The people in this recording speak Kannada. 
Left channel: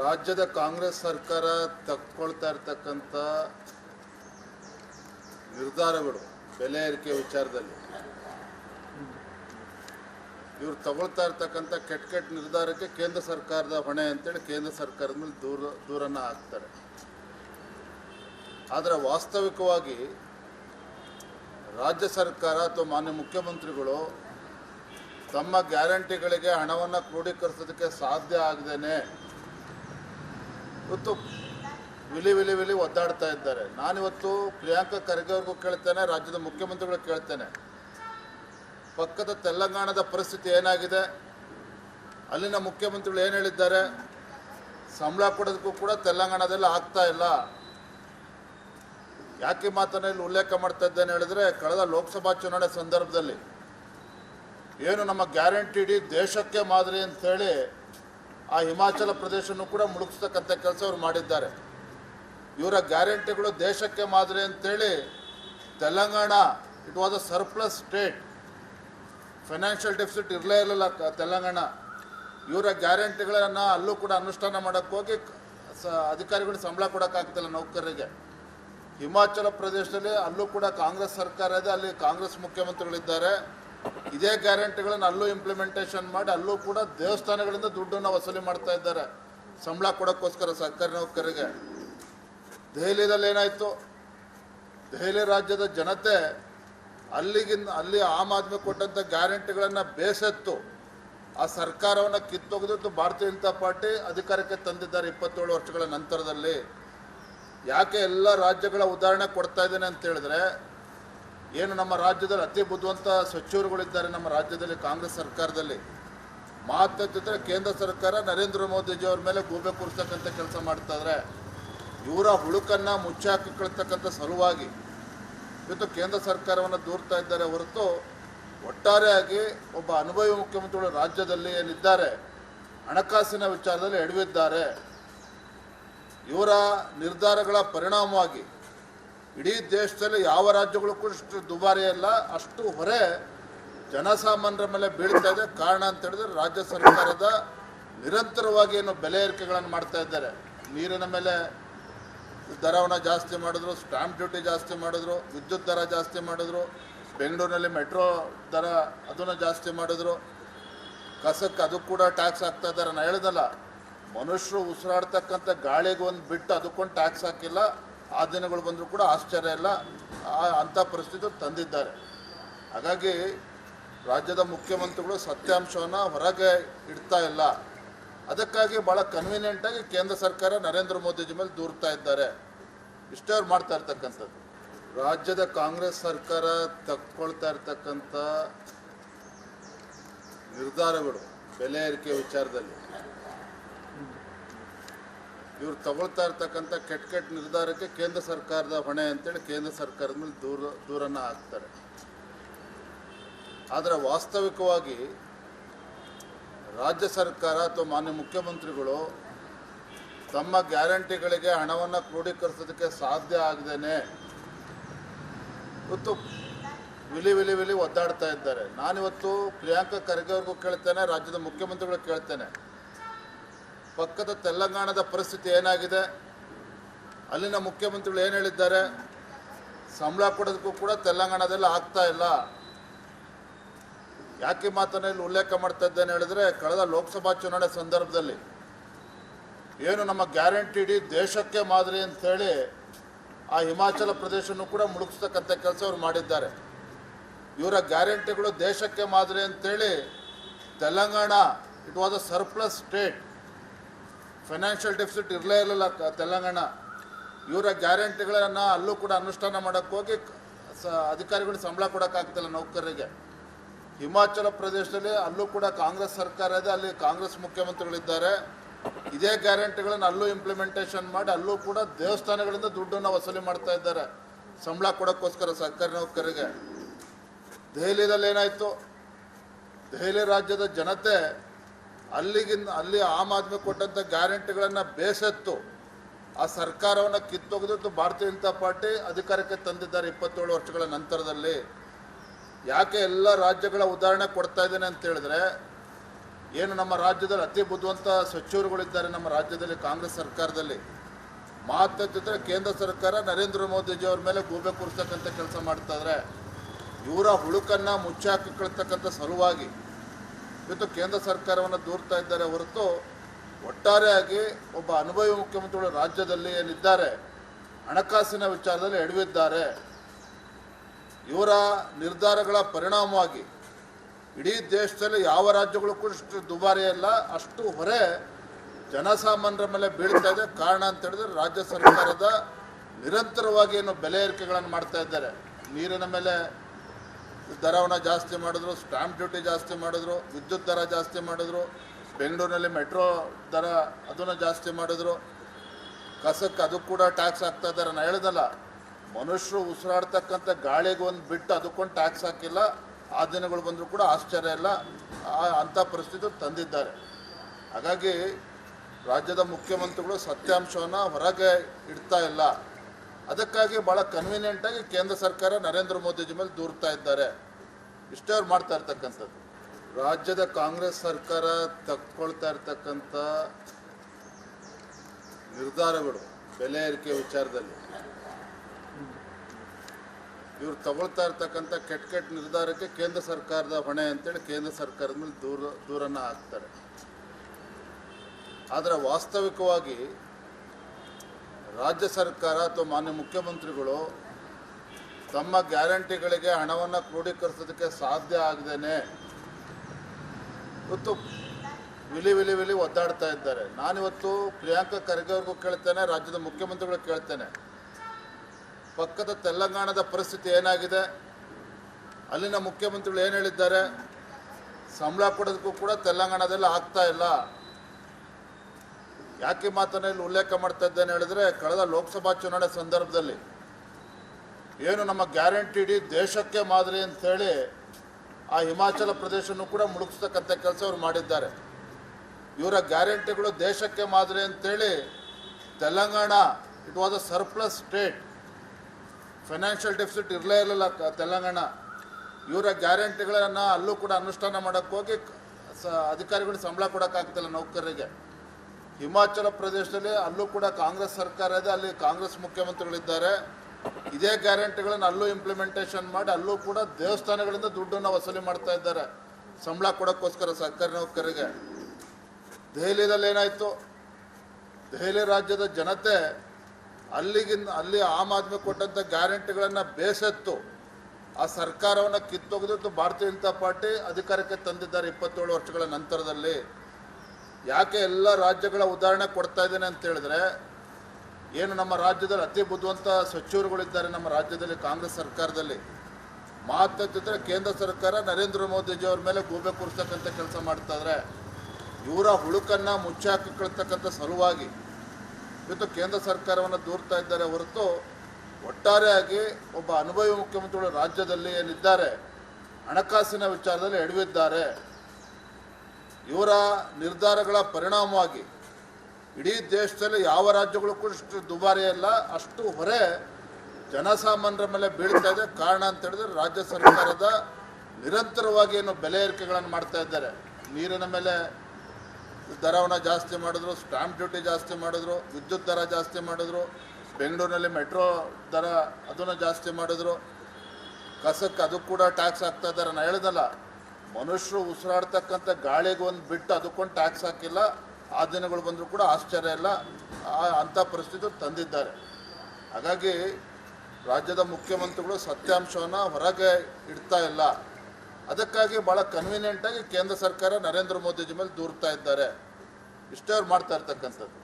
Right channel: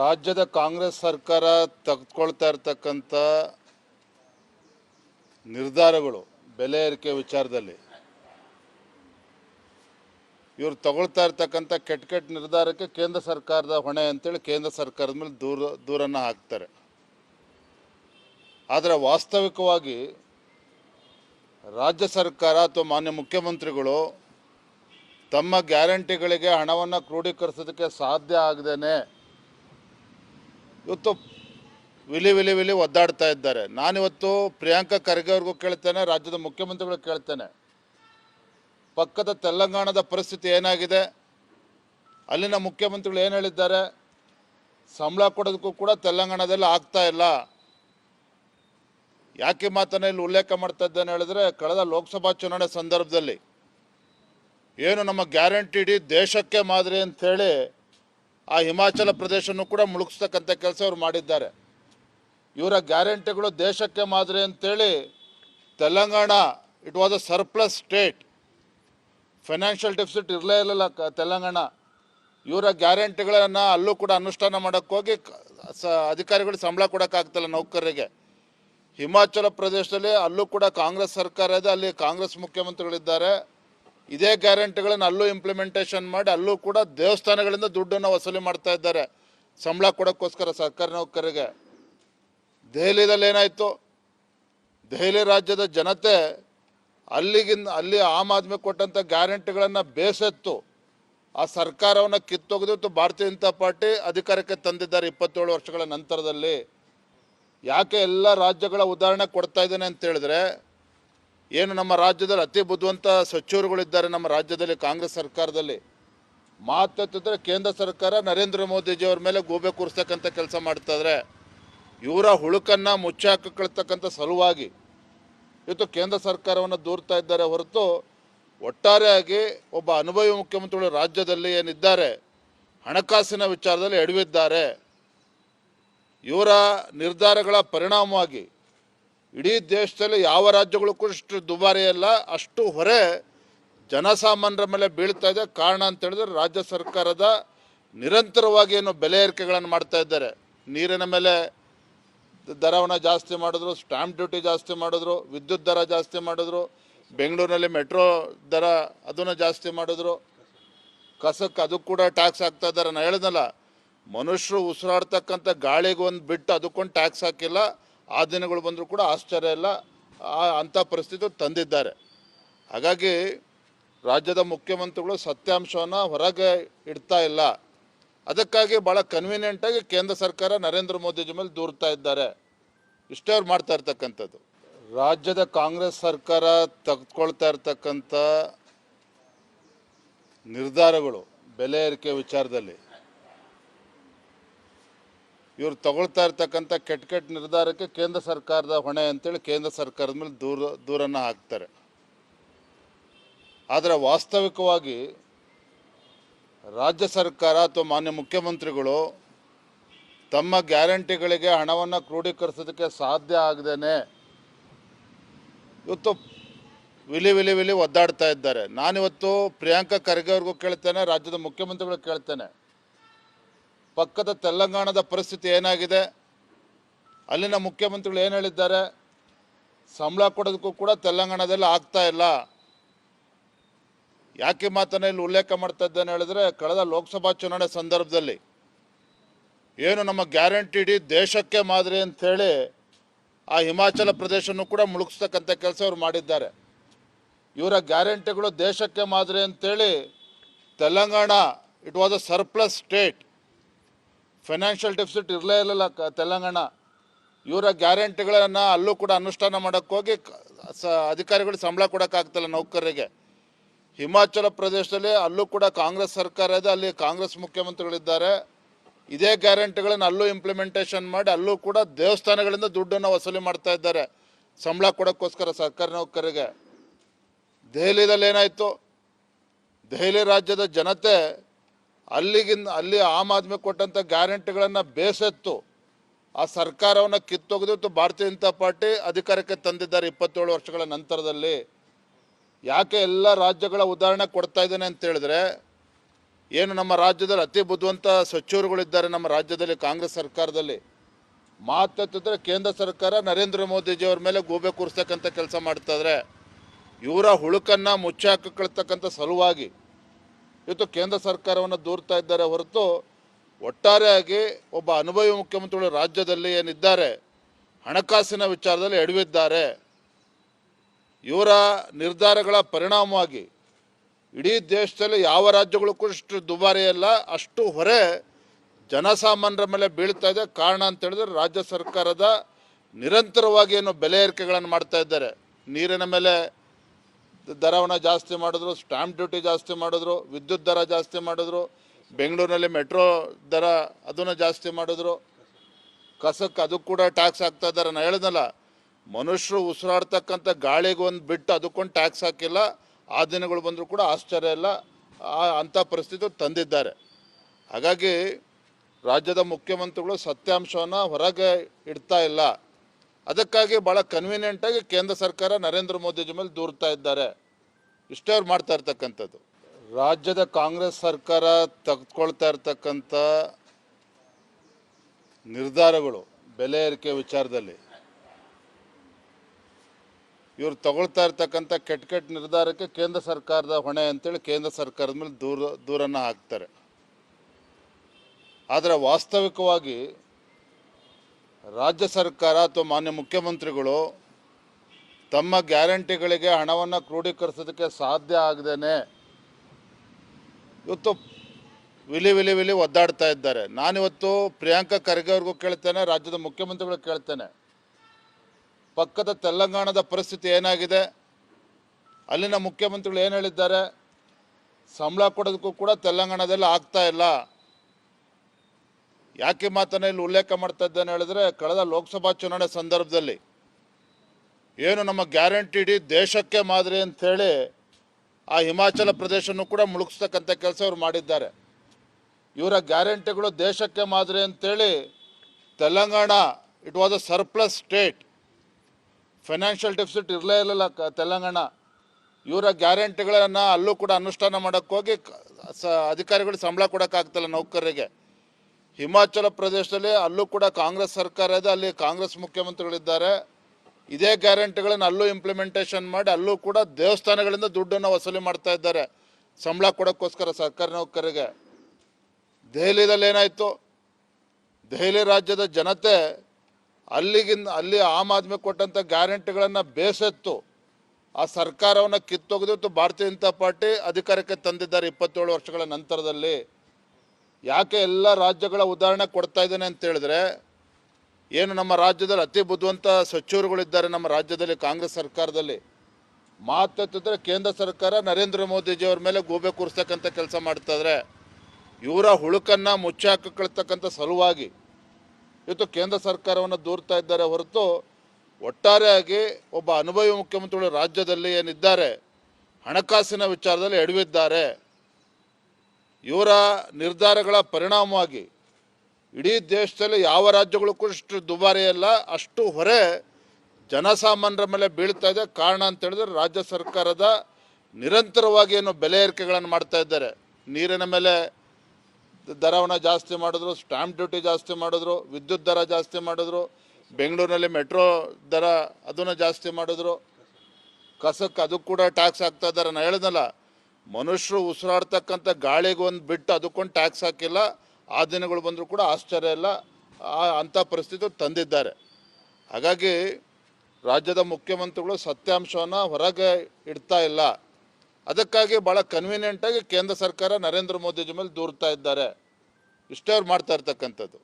ರಾಜ್ಯದ ಕಾಂಗ್ರೆಸ್ ಸರ್ಕಾರ ತೆಗೆದುಕೊಳ್ತಾ ಇರತಕ್ಕಂಥ ನಿರ್ಧಾರಗಳು ಬೆಲೆ ಏರಿಕೆ ವಿಚಾರದಲ್ಲಿ ಇವರು ತಗೊಳ್ತಾ ಇರತಕ್ಕಂಥ ಕೆಟ್ಟ ನಿರ್ಧಾರಕ್ಕೆ ಕೇಂದ್ರ ಸರ್ಕಾರದ ಹೊಣೆ ಅಂತೇಳಿ ಕೇಂದ್ರ ಸರ್ಕಾರದ ಮೇಲೆ ದೂರನ್ನು ಹಾಕ್ತಾರೆ. ಆದರೆ ವಾಸ್ತವಿಕವಾಗಿ ರಾಜ್ಯ ಸರ್ಕಾರ ಅಥವಾ ಮಾನ್ಯ ಮುಖ್ಯಮಂತ್ರಿಗಳು ತಮ್ಮ ಗ್ಯಾರಂಟಿಗಳಿಗೆ ಹಣವನ್ನು ಕ್ರೋಢೀಕರಿಸೋದಕ್ಕೆ ಸಾಧ್ಯ ಆಗದೇನೆ ಇವತ್ತು ವಿಲಿ ಒದ್ದಾಡ್ತಾ ಇದ್ದಾರೆ. ನಾನಿವತ್ತು ಪ್ರಿಯಾಂಕಾ ಖರ್ಗೆ ಅವ್ರಿಗೂ ಕೇಳ್ತೇನೆ, ರಾಜ್ಯದ ಮುಖ್ಯಮಂತ್ರಿಗಳು ಕೇಳ್ತೇನೆ, ಪಕ್ಕದ ತೆಲಂಗಾಣದ ಪರಿಸ್ಥಿತಿ ಏನಾಗಿದೆ, ಅಲ್ಲಿನ ಮುಖ್ಯಮಂತ್ರಿಗಳು ಏನು ಹೇಳಿದ್ದಾರೆ, ಸಂಬಳ ಕೊಡೋದಕ್ಕೂ ಕೂಡ ತೆಲಂಗಾಣದಲ್ಲಿ ಆಗ್ತಾ ಇಲ್ಲ. ಯಾಕೆ ಮಾತನ್ನ ಇಲ್ಲಿ ಉಲ್ಲೇಖ ಮಾಡ್ತಾ ಇದ್ದೇನೆ ಹೇಳಿದ್ರೆ, ಕಳೆದ ಲೋಕಸಭಾ ಚುನಾವಣೆ ಸಂದರ್ಭದಲ್ಲಿ ಏನು ನಮ್ಮ ಗ್ಯಾರಂಟಿ ಇಡೀ ದೇಶಕ್ಕೆ ಮಾದರಿ ಅಂಥೇಳಿ ಆ ಹಿಮಾಚಲ ಪ್ರದೇಶನೂ ಕೂಡ ಮುಳುಗಿಸ್ತಕ್ಕಂಥ ಕೆಲಸ ಅವ್ರು ಮಾಡಿದ್ದಾರೆ. ಇವರ ಗ್ಯಾರಂಟಿಗಳು ದೇಶಕ್ಕೆ ಮಾದರಿ ಅಂತೇಳಿ Telangana it was a surplus state, financial deficit ಇರಲೇ ಇರಲಿಲ್ಲ ತೆಲಂಗಾಣ. ಇವರ ಗ್ಯಾರಂಟಿಗಳನ್ನು ಅಲ್ಲೂ ಕೂಡ ಅನುಷ್ಠಾನ ಮಾಡೋಕ್ಕೋಗಿ ಅಧಿಕಾರಿಗಳು ಸಂಬಳ ಕೊಡೋಕ್ಕಾಗ್ತಿಲ್ಲ ನೌಕರರಿಗೆ. ಹಿಮಾಚಲ ಪ್ರದೇಶದಲ್ಲಿ ಅಲ್ಲೂ ಕೂಡ ಕಾಂಗ್ರೆಸ್ ಸರ್ಕಾರ ಇದೆ, ಅಲ್ಲಿ ಕಾಂಗ್ರೆಸ್ ಮುಖ್ಯಮಂತ್ರಿಗಳಿದ್ದಾರೆ. ಇದೇ ಗ್ಯಾರಂಟಿಗಳನ್ನು ಅಲ್ಲೂ ಇಂಪ್ಲಿಮೆಂಟೇಷನ್ ಮಾಡಿ ಅಲ್ಲೂ ಕೂಡ ದೇವಸ್ಥಾನಗಳಿಂದ ದುಡ್ಡನ್ನು ವಸೂಲಿ ಮಾಡ್ತಾ ಇದ್ದಾರೆ ಸಂಬಳ ಕೊಡೋಕ್ಕೋಸ್ಕರ ಸರ್ಕಾರಿ ನೌಕರರಿಗೆ. ದೆಹಲಿಯಲ್ಲಿ ಏನಾಯಿತು, ದೆಹಲಿ ರಾಜ್ಯದ ಜನತೆ ಅಲ್ಲಿ ಆಮ್ ಆದ್ಮಿ ಕೊಟ್ಟಂಥ ಗ್ಯಾರಂಟಿಗಳನ್ನು ಬೇಸತ್ತು ಆ ಸರ್ಕಾರವನ್ನು ಕಿತ್ತೊಗೆದು ಭಾರತೀಯ ಜನತಾ ಪಾರ್ಟಿ ಅಧಿಕಾರಕ್ಕೆ ತಂದಿದ್ದಾರೆ 27 ವರ್ಷಗಳ ನಂತರದಲ್ಲಿ. ಯಾಕೆ ಎಲ್ಲ ರಾಜ್ಯಗಳ ಉದಾಹರಣೆ ಕೊಡ್ತಾ ಇದ್ದೇನೆ ಅಂತ ಹೇಳಿದ್ರೆ, ಏನು ನಮ್ಮ ರಾಜ್ಯದಲ್ಲಿ ಅತಿ ಬುದ್ಧಿವಂತ ಸಚಿವರುಗಳಿದ್ದಾರೆ ನಮ್ಮ ರಾಜ್ಯದಲ್ಲಿ ಕಾಂಗ್ರೆಸ್ ಸರ್ಕಾರದಲ್ಲಿ. ಮಾತಾಡ್ತಿದ್ರೆ ಕೇಂದ್ರ ಸರ್ಕಾರ ನರೇಂದ್ರ ಮೋದಿಜಿಯವ್ರ ಮೇಲೆ ಗೂಬೆ ಕೂರಿಸ್ತಕ್ಕಂಥ ಕೆಲಸ ಮಾಡ್ತಾ ಇದ್ದಾರೆ. ಇವರ ಹುಳುಕನ್ನು ಮುಚ್ಚಿ ಹಾಕಿಕೊಳ್ತಕ್ಕಂಥ ಸಲುವಾಗಿ ಇವತ್ತು ಕೇಂದ್ರ ಸರ್ಕಾರವನ್ನು ದೂರ್ತಾ ಇದ್ದಾರೆ ಹೊರತು ಒಟ್ಟಾರೆಯಾಗಿ ಒಬ್ಬ ಅನುಭವಿ ಮುಖ್ಯಮಂತ್ರಿಗಳು ರಾಜ್ಯದಲ್ಲಿ ಏನಿದ್ದಾರೆ ಹಣಕಾಸಿನ ವಿಚಾರದಲ್ಲಿ ಎಡವಿದ್ದಾರೆ. ಇವರ ನಿರ್ಧಾರಗಳ ಪರಿಣಾಮವಾಗಿ ಇಡೀ ದೇಶದಲ್ಲಿ ಯಾವ ರಾಜ್ಯಗಳಿಗೂ ಇಷ್ಟು ದುಬಾರಿ ಅಲ್ಲ, ಅಷ್ಟು ಹೊರೆ ಜನಸಾಮಾನ್ಯರ ಮೇಲೆ ಬೀಳ್ತಾ ಇದೆ. ಕಾರಣ ಅಂತ ಹೇಳಿದ್ರೆ ರಾಜ್ಯ ಸರ್ಕಾರದ ನಿರಂತರವಾಗಿ ಏನು ಬೆಲೆ ಏರಿಕೆಗಳನ್ನು ಮಾಡ್ತಾ ಇದ್ದಾರೆ. ನೀರಿನ ಮೇಲೆ ದರವನ್ನು ಜಾಸ್ತಿ ಮಾಡಿದ್ರು, ಸ್ಟಾಂಪ್ ಡ್ಯೂಟಿ ಜಾಸ್ತಿ ಮಾಡಿದ್ರು, ವಿದ್ಯುತ್ ದರ ಜಾಸ್ತಿ ಮಾಡಿದ್ರು, ಬೆಂಗಳೂರಿನಲ್ಲಿ ಮೆಟ್ರೋ ದರ ಅದನ್ನು ಜಾಸ್ತಿ ಮಾಡಿದ್ರು, ಕಸಕ್ಕೆ ಅದು ಕೂಡ ಟ್ಯಾಕ್ಸ್ ಹಾಕ್ತಾ ಇದ್ದಾರೆ. ನಾನು ಹೇಳಿದಲ್ಲ, ಮನುಷ್ಯರು ಉಸಿರಾಡ್ತಕ್ಕಂಥ ಗಾಳಿಗೆ ಒಂದು ಬಿಟ್ಟು ಅದಕ್ಕೊಂದು ಟ್ಯಾಕ್ಸ್ ಹಾಕಿಲ್ಲ. ಆ ದಿನಗಳು ಬಂದರೂ ಕೂಡ ಆಶ್ಚರ್ಯ ಇಲ್ಲ, ಅಂಥ ಪರಿಸ್ಥಿತಿ ತಂದಿದ್ದಾರೆ. ಹಾಗಾಗಿ ರಾಜ್ಯದ ಮುಖ್ಯಮಂತ್ರಿಗಳು ಸತ್ಯಾಂಶವನ್ನು ಹೊರಗೆ ಇಡ್ತಾ ಇಲ್ಲ. ಅದಕ್ಕಾಗಿ ಭಾಳ ಕನ್ವೀನಿಯೆಂಟಾಗಿ ಕೇಂದ್ರ ಸರ್ಕಾರ ನರೇಂದ್ರ ಮೋದಿಜಿ ಮೇಲೆ ದೂರ್ತಾ ಇದ್ದಾರೆ. ಇಷ್ಟೇ ಅವ್ರು ಮಾಡ್ತಾ ಇರ್ತಕ್ಕಂಥದ್ದು. ರಾಜ್ಯದ ಕಾಂಗ್ರೆಸ್ ಸರ್ಕಾರ ತೆಗೆದುಕೊಳ್ತಾ ಇರ್ತಕ್ಕಂಥ ನಿರ್ಧಾರಗಳು ಬೆಲೆ ಏರಿಕೆ ವಿಚಾರದಲ್ಲಿ ಇವರು ತಗೊಳ್ತಾ ಇರ್ತಕ್ಕಂಥ ಕೆಟ್ಟ ನಿರ್ಧಾರಕ್ಕೆ ಕೇಂದ್ರ ಸರ್ಕಾರದ ಹೊಣೆ ಅಂತೇಳಿ ಕೇಂದ್ರ ಸರ್ಕಾರದ ಮೇಲೆ ದೂರನ್ನು ಹಾಕ್ತಾರೆ. ಆದರೆ ವಾಸ್ತವಿಕವಾಗಿ ರಾಜ್ಯ ಸರ್ಕಾರ ಅಥವಾ ಮಾನ್ಯ ಮುಖ್ಯಮಂತ್ರಿಗಳು ತಮ್ಮ ಗ್ಯಾರಂಟಿಗಳಿಗೆ ಹಣವನ್ನು ಕ್ರೋಢೀಕರಿಸೋದಕ್ಕೆ ಸಾಧ್ಯ ಆಗದೇನೆ ಇವತ್ತು ವಿಲಿ ಒದ್ದಾಡ್ತಾ ಇದ್ದಾರೆ. ನಾನಿವತ್ತು ಪ್ರಿಯಾಂಕಾ ಖರ್ಗೆ ಅವ್ರಿಗೂ ಕೇಳ್ತೇನೆ, ರಾಜ್ಯದ ಮುಖ್ಯಮಂತ್ರಿಗಳು ಕೇಳ್ತೇನೆ, ಪಕ್ಕದ ತೆಲಂಗಾಣದ ಪರಿಸ್ಥಿತಿ ಏನಾಗಿದೆ, ಅಲ್ಲಿನ ಮುಖ್ಯಮಂತ್ರಿಗಳು ಏನು ಹೇಳಿದ್ದಾರೆ, ಸಂಬಳ ಕೊಡೋದಕ್ಕೂ ಕೂಡ ತೆಲಂಗಾಣದಲ್ಲಿ ಆಗ್ತಾ ಇಲ್ಲ. ಯಾಕೆ ಮಾತನ್ನ ಇಲ್ಲಿ ಉಲ್ಲೇಖ ಮಾಡ್ತಾ ಇದ್ದೇನೆ ಹೇಳಿದ್ರೆ, ಕಳೆದ ಲೋಕಸಭಾ ಚುನಾವಣೆ ಸಂದರ್ಭದಲ್ಲಿ ಏನು ನಮ್ಮ ಗ್ಯಾರಂಟಿ ಇಡೀ ದೇಶಕ್ಕೆ ಮಾದರಿ ಅಂಥೇಳಿ ಆ ಹಿಮಾಚಲ ಪ್ರದೇಶನೂ ಕೂಡ ಮುಳುಗಿಸ್ತಕ್ಕಂಥ ಕೆಲಸ ಅವ್ರು ಮಾಡಿದ್ದಾರೆ. ಇವರ ಗ್ಯಾರಂಟಿಗಳು ದೇಶಕ್ಕೆ ಮಾದರಿ ಅಂತೇಳಿ Telangana it was a surplus state, financial deficit ಇರಲೇ ಇರಲಿಲ್ಲ ತೆಲಂಗಾಣ. ಇವರ ಗ್ಯಾರಂಟಿಗಳನ್ನು ಅಲ್ಲೂ ಕೂಡ ಅನುಷ್ಠಾನ ಮಾಡೋಕ್ಕೋಗಿ ಅಧಿಕಾರಿಗಳು ಸಂಬಳ ಕೊಡೋಕ್ಕಾಗ್ತಿಲ್ಲ ನೌಕರರಿಗೆ. ಹಿಮಾಚಲ ಪ್ರದೇಶದಲ್ಲಿ ಅಲ್ಲೂ ಕೂಡ ಕಾಂಗ್ರೆಸ್ ಸರ್ಕಾರ ಇದೆ, ಅಲ್ಲಿ ಕಾಂಗ್ರೆಸ್ ಮುಖ್ಯಮಂತ್ರಿಗಳಿದ್ದಾರೆ. ಇದೇ ಗ್ಯಾರಂಟಿಗಳನ್ನು ಅಲ್ಲೂ ಇಂಪ್ಲಿಮೆಂಟೇಷನ್ ಮಾಡಿ ಅಲ್ಲೂ ಕೂಡ ದೇವಸ್ಥಾನಗಳಿಂದ ದುಡ್ಡನ್ನು ವಸೂಲಿ ಮಾಡ್ತಾ ಇದ್ದಾರೆ ಸಂಬಳ ಕೊಡೋಕ್ಕೋಸ್ಕರ ಸರ್ಕಾರಿ ನೌಕರರಿಗೆ. ದೆಹಲಿಯಲ್ಲಿ ಏನಾಯಿತು, ದೆಹಲಿ ರಾಜ್ಯದ ಜನತೆ ಅಲ್ಲಿ ಆಮ್ ಆದ್ಮಿ ಕೊಟ್ಟಂಥ ಗ್ಯಾರಂಟಿಗಳನ್ನು ಬೇಸತ್ತು ಆ ಸರ್ಕಾರವನ್ನು ಕಿತ್ತೊಗೆದು ಭಾರತೀಯ ಜನತಾ ಪಾರ್ಟಿ ಅಧಿಕಾರಕ್ಕೆ ತಂದಿದ್ದಾರೆ 27 ವರ್ಷಗಳ ನಂತರದಲ್ಲಿ. ಯಾಕೆ ಎಲ್ಲ ರಾಜ್ಯಗಳ ಉದಾಹರಣೆ ಕೊಡ್ತಾ ಇದ್ದೇನೆ ಅಂತ ಹೇಳಿದ್ರೆ, ಏನು ನಮ್ಮ ರಾಜ್ಯದಲ್ಲಿ ಅತಿ ಬುದ್ಧಿವಂತ ಸಚಿವರುಗಳಿದ್ದಾರೆ ನಮ್ಮ ರಾಜ್ಯದಲ್ಲಿ ಕಾಂಗ್ರೆಸ್ ಸರ್ಕಾರದಲ್ಲಿ. ಮಾತಾಡ್ತಿದ್ರೆ ಕೇಂದ್ರ ಸರ್ಕಾರ ನರೇಂದ್ರ ಮೋದಿಜಿಯವ್ರ ಮೇಲೆ ಗೂಬೆ ಕೂರಿಸ್ತಕ್ಕಂಥ ಕೆಲಸ ಮಾಡ್ತಾ ಇದ್ದಾರೆ. ಇವರ ಹುಳುಕನ್ನು ಮುಚ್ಚಿ ಹಾಕಿಕೊಳ್ತಕ್ಕಂಥ ಸಲುವಾಗಿ ಇವತ್ತು ಕೇಂದ್ರ ಸರ್ಕಾರವನ್ನು ದೂರ್ತಾ ಇದ್ದಾರೆ ಹೊರತು ಒಟ್ಟಾರೆಯಾಗಿ ಒಬ್ಬ ಅನುಭವಿ ಮುಖ್ಯಮಂತ್ರಿಗಳು ರಾಜ್ಯದಲ್ಲಿ ಏನಿದ್ದಾರೆ ಹಣಕಾಸಿನ ವಿಚಾರದಲ್ಲಿ ಎಡವಿದ್ದಾರೆ. ಇವರ ನಿರ್ಧಾರಗಳ ಪರಿಣಾಮವಾಗಿ ಇಡೀ ದೇಶದಲ್ಲಿ ಯಾವ ರಾಜ್ಯಗಳಿಗೂ ಇಷ್ಟು ದುಬಾರಿ ಅಲ್ಲ, ಅಷ್ಟು ಹೊರೆ ಜನಸಾಮಾನ್ಯರ ಮೇಲೆ ಬೀಳ್ತಾ ಇದೆ. ಕಾರಣ ಅಂತ ಹೇಳಿದ್ರೆ ರಾಜ್ಯ ಸರ್ಕಾರದ ನಿರಂತರವಾಗಿ ಏನು ಬೆಲೆ ಏರಿಕೆಗಳನ್ನು ಮಾಡ್ತಾ ಇದ್ದಾರೆ. ನೀರಿನ ಮೇಲೆ ದರವನ್ನು ಜಾಸ್ತಿ ಮಾಡಿದ್ರು, ಸ್ಟಾಂಪ್ ಡ್ಯೂಟಿ ಜಾಸ್ತಿ ಮಾಡಿದ್ರು, ವಿದ್ಯುತ್ ದರ ಜಾಸ್ತಿ ಮಾಡಿದ್ರು, ಬೆಂಗಳೂರಿನಲ್ಲಿ ಮೆಟ್ರೋ ದರ ಅದನ್ನು ಜಾಸ್ತಿ ಮಾಡಿದ್ರು, ಕಸಕ್ಕೆ ಅದು ಕೂಡ ಟ್ಯಾಕ್ಸ್ ಹಾಕ್ತಾ ಇದ್ದಾರೆ. ನಾನು ಹೇಳಿದಲ್ಲ, ಮನುಷ್ಯರು ಉಸಿರಾಡ್ತಕ್ಕಂಥ ಗಾಳಿಗೆ ಒಂದು ಬಿಟ್ಟು ಅದಕ್ಕೊಂದು ಟ್ಯಾಕ್ಸ್ ಹಾಕಿಲ್ಲ. ಆ ದಿನಗಳು ಬಂದರೂ ಕೂಡ ಆಶ್ಚರ್ಯ ಇಲ್ಲ, ಅಂಥ ಪರಿಸ್ಥಿತಿ ತಂದಿದ್ದಾರೆ. ಹಾಗಾಗಿ ರಾಜ್ಯದ ಮುಖ್ಯಮಂತ್ರಿಗಳು ಸತ್ಯಾಂಶವನ್ನು ಹೊರಗೆ ಇಡ್ತಾ ಇಲ್ಲ. ಅದಕ್ಕಾಗಿ ಭಾಳ ಕನ್ವೀನಿಯೆಂಟಾಗಿ ಕೇಂದ್ರ ಸರ್ಕಾರ ನರೇಂದ್ರ ಮೋದಿಜಿ ಮೇಲೆ ದೂರ್ತಾ ಇದ್ದಾರೆ. ಇಷ್ಟೇ ಅವ್ರು ಮಾಡ್ತಾ ಇರ್ತಕ್ಕಂಥದ್ದು. ರಾಜ್ಯದ ಕಾಂಗ್ರೆಸ್ ಸರ್ಕಾರ ತೆಗೆದುಕೊಳ್ತಾ ಇರ್ತಕ್ಕಂಥ ನಿರ್ಧಾರಗಳು ಬೆಲೆ ಏರಿಕೆ ವಿಚಾರದಲ್ಲಿ ಇವರು ತಗೊಳ್ತಾ ಇರ್ತಕ್ಕಂಥ ಕೆಟ್ಟ ನಿರ್ಧಾರಕ್ಕೆ ಕೇಂದ್ರ ಸರ್ಕಾರದ ಹೊಣೆ ಅಂತೇಳಿ ಕೇಂದ್ರ ಸರ್ಕಾರದ ಮೇಲೆ ದೂರನ್ನು ಹಾಕ್ತಾರೆ. ಆದರೆ ವಾಸ್ತವಿಕವಾಗಿ ರಾಜ್ಯ ಸರ್ಕಾರ ಅಥವಾ ಮಾನ್ಯ ಮುಖ್ಯಮಂತ್ರಿಗಳು ತಮ್ಮ ಗ್ಯಾರಂಟಿಗಳಿಗೆ ಹಣವನ್ನು ಕ್ರೋಢೀಕರಿಸೋದಕ್ಕೆ ಸಾಧ್ಯ ಆಗದೇನೆ ಇವತ್ತು ವಿಲಿ ಒದ್ದಾಡ್ತಾ ಇದ್ದಾರೆ. ನಾನಿವತ್ತು ಪ್ರಿಯಾಂಕಾ ಖರ್ಗೆ ಅವ್ರಿಗೂ ಕೇಳ್ತೇನೆ, ರಾಜ್ಯದ ಮುಖ್ಯಮಂತ್ರಿಗಳು ಕೇಳ್ತೇನೆ, ಪಕ್ಕದ ತೆಲಂಗಾಣದ ಪರಿಸ್ಥಿತಿ ಏನಾಗಿದೆ? ಅಲ್ಲಿನ ಮುಖ್ಯಮಂತ್ರಿಗಳು ಏನು ಹೇಳಿದ್ದಾರೆ? ಸಂಬಳ ಕೊಡೋದಕ್ಕೂ ಕೂಡ ತೆಲಂಗಾಣದಲ್ಲಿ ಆಗ್ತಾ ಇಲ್ಲ. ಯಾಕೆ ಮಾತನ್ನ ಇಲ್ಲಿ ಉಲ್ಲೇಖ ಮಾಡ್ತಾ ಇದ್ದೇನೆ ಹೇಳಿದ್ರೆ, ಕಳೆದ ಲೋಕಸಭಾ ಚುನಾವಣೆ ಸಂದರ್ಭದಲ್ಲಿ ಏನು ನಮ್ಮ ಗ್ಯಾರಂಟಿ ಇಡೀ ದೇಶಕ್ಕೆ ಮಾದರಿ ಅಂಥೇಳಿ ಆ ಹಿಮಾಚಲ ಪ್ರದೇಶನೂ ಕೂಡ ಮುಳುಗಿಸ್ತಕ್ಕಂಥ ಕೆಲಸ ಅವ್ರು ಮಾಡಿದ್ದಾರೆ. ಇವರ ಗ್ಯಾರಂಟಿಗಳು ದೇಶಕ್ಕೆ ಮಾದರಿ ಅಂತೇಳಿ Telangana it was a surplus state, financial deficit ಇರಲೇ ಇರಲಿಲ್ಲ ತೆಲಂಗಾಣ. ಇವರ ಗ್ಯಾರಂಟಿಗಳನ್ನು ಅಲ್ಲೂ ಕೂಡ ಅನುಷ್ಠಾನ ಮಾಡೋಕ್ಕೆ ಹೋಗಿ ಅಧಿಕಾರಿಗಳು ಸಂಬಳ ಕೊಡೋಕ್ಕಾಗ್ತಿಲ್ಲ ನೌಕರರಿಗೆ. ಹಿಮಾಚಲ ಪ್ರದೇಶದಲ್ಲಿ ಅಲ್ಲೂ ಕೂಡ ಕಾಂಗ್ರೆಸ್ ಸರ್ಕಾರ ಇದೆ, ಅಲ್ಲಿ ಕಾಂಗ್ರೆಸ್ ಮುಖ್ಯಮಂತ್ರಿಗಳಿದ್ದಾರೆ. ಇದೇ ಗ್ಯಾರಂಟಿಗಳನ್ನು ಅಲ್ಲೂ ಇಂಪ್ಲಿಮೆಂಟೇಷನ್ ಮಾಡಿ ಅಲ್ಲೂ ಕೂಡ ದೇವಸ್ಥಾನಗಳಿಂದ ದುಡ್ಡನ್ನು ವಸೂಲಿ ಮಾಡ್ತಾ ಇದ್ದಾರೆ ಸಂಬಳ ಕೊಡೋಕ್ಕೋಸ್ಕರ ಸರ್ಕಾರಿ ನೌಕರರಿಗೆ. ದೆಹಲಿಯಲ್ಲಿ ಏನಾಯಿತು? ದೆಹಲಿ ರಾಜ್ಯದ ಜನತೆ ಅಲ್ಲಿ ಆಮ್ ಆದ್ಮಿ ಕೊಟ್ಟಂಥ ಗ್ಯಾರಂಟಿಗಳನ್ನು ಬೇಸತ್ತು ಆ ಸರ್ಕಾರವನ್ನು ಕಿತ್ತೊಗೆದು ಭಾರತೀಯ ಜನತಾ ಪಾರ್ಟಿ ಅಧಿಕಾರಕ್ಕೆ ತಂದಿದ್ದಾರೆ 27 ವರ್ಷಗಳ ನಂತರದಲ್ಲಿ. ಯಾಕೆ ಎಲ್ಲ ರಾಜ್ಯಗಳ ಉದಾಹರಣೆ ಕೊಡ್ತಾ ಇದ್ದೇನೆ ಅಂತ ಹೇಳಿದ್ರೆ, ಏನು ನಮ್ಮ ರಾಜ್ಯದಲ್ಲಿ ಅತಿ ಬುದ್ಧಿವಂತ ಸಚಿವರುಗಳಿದ್ದಾರೆ ನಮ್ಮ ರಾಜ್ಯದಲ್ಲಿ ಕಾಂಗ್ರೆಸ್ ಸರ್ಕಾರದಲ್ಲಿ. ಮಾತಾಡ್ತಿದ್ರೆ ಕೇಂದ್ರ ಸರ್ಕಾರ ನರೇಂದ್ರ ಮೋದಿಜಿಯವ್ರ ಮೇಲೆ ಗೂಬೆ ಕೂರಿಸ್ತಕ್ಕಂಥ ಕೆಲಸ ಮಾಡ್ತಾ ಇದ್ದಾರೆ. ಇವರ ಹುಳುಕನ್ನು ಮುಚ್ಚಿ ಹಾಕಿಕೊಳ್ತಕ್ಕಂಥ ಸಲುವಾಗಿ ಇವತ್ತು ಕೇಂದ್ರ ಸರ್ಕಾರವನ್ನು ದೂರ್ತಾ ಇದ್ದಾರೆ ಹೊರತು ಒಟ್ಟಾರೆಯಾಗಿ ಒಬ್ಬ ಅನುಭವಿ ಮುಖ್ಯಮಂತ್ರಿಗಳು ರಾಜ್ಯದಲ್ಲಿ ಏನಿದ್ದಾರೆ ಹಣಕಾಸಿನ ವಿಚಾರದಲ್ಲಿ ಎಡವಿದ್ದಾರೆ. ಇವರ ನಿರ್ಧಾರಗಳ ಪರಿಣಾಮವಾಗಿ ಇಡೀ ದೇಶದಲ್ಲಿ ಯಾವ ರಾಜ್ಯಗಳಿಗೂ ಇಷ್ಟು ದುಬಾರಿ ಅಲ್ಲ, ಅಷ್ಟು ಹೊರೆ ಜನಸಾಮಾನ್ಯರ ಮೇಲೆ ಬೀಳ್ತಾ ಇದೆ. ಕಾರಣ ಅಂತ ಹೇಳಿದ್ರೆ ರಾಜ್ಯ ಸರ್ಕಾರದ ನಿರಂತರವಾಗಿ ಏನು ಬೆಲೆ ಏರಿಕೆಗಳನ್ನು ಮಾಡ್ತಾ ಇದ್ದಾರೆ. ನೀರಿನ ಮೇಲೆ ದರವನ್ನು ಜಾಸ್ತಿ ಮಾಡಿದ್ರು, ಸ್ಟಾಂಪ್ ಡ್ಯೂಟಿ ಜಾಸ್ತಿ ಮಾಡಿದ್ರು, ವಿದ್ಯುತ್ ದರ ಜಾಸ್ತಿ ಮಾಡಿದ್ರು, ಬೆಂಗಳೂರಿನಲ್ಲಿ ಮೆಟ್ರೋ ದರ ಅದನ್ನು ಜಾಸ್ತಿ ಮಾಡಿದ್ರು, ಕಸಕ್ಕೆ ಅದು ಕೂಡ ಟ್ಯಾಕ್ಸ್ ಹಾಕ್ತಾ ಇದ್ದಾರೆ. ನಾನು ಹೇಳಿದಲ್ಲ, ಮನುಷ್ಯರು ಉಸಿರಾಡ್ತಕ್ಕಂಥ ಗಾಳಿಗೆ ಒಂದು ಬಿಟ್ಟು ಅದಕ್ಕೊಂದು ಟ್ಯಾಕ್ಸ್ ಹಾಕಿಲ್ಲ. ಆ ದಿನಗಳು ಬಂದರೂ ಕೂಡ ಆಶ್ಚರ್ಯ ಇಲ್ಲ, ಅಂಥ ಪರಿಸ್ಥಿತಿ ತಂದಿದ್ದಾರೆ. ಹಾಗಾಗಿ ರಾಜ್ಯದ ಮುಖ್ಯಮಂತ್ರಿಗಳು ಸತ್ಯಾಂಶವನ್ನು ಹೊರಗೆ ಇಡ್ತಾ ಇಲ್ಲ. ಅದಕ್ಕಾಗಿ ಭಾಳ ಕನ್ವೀನಿಯೆಂಟಾಗಿ ಕೇಂದ್ರ ಸರ್ಕಾರ ನರೇಂದ್ರ ಮೋದಿಜಿ ಮೇಲೆ ದೂರ್ತಾ ಇದ್ದಾರೆ. ಇಷ್ಟೇ ಅವ್ರು ಮಾಡ್ತಾ ಇರ್ತಕ್ಕಂಥದ್ದು.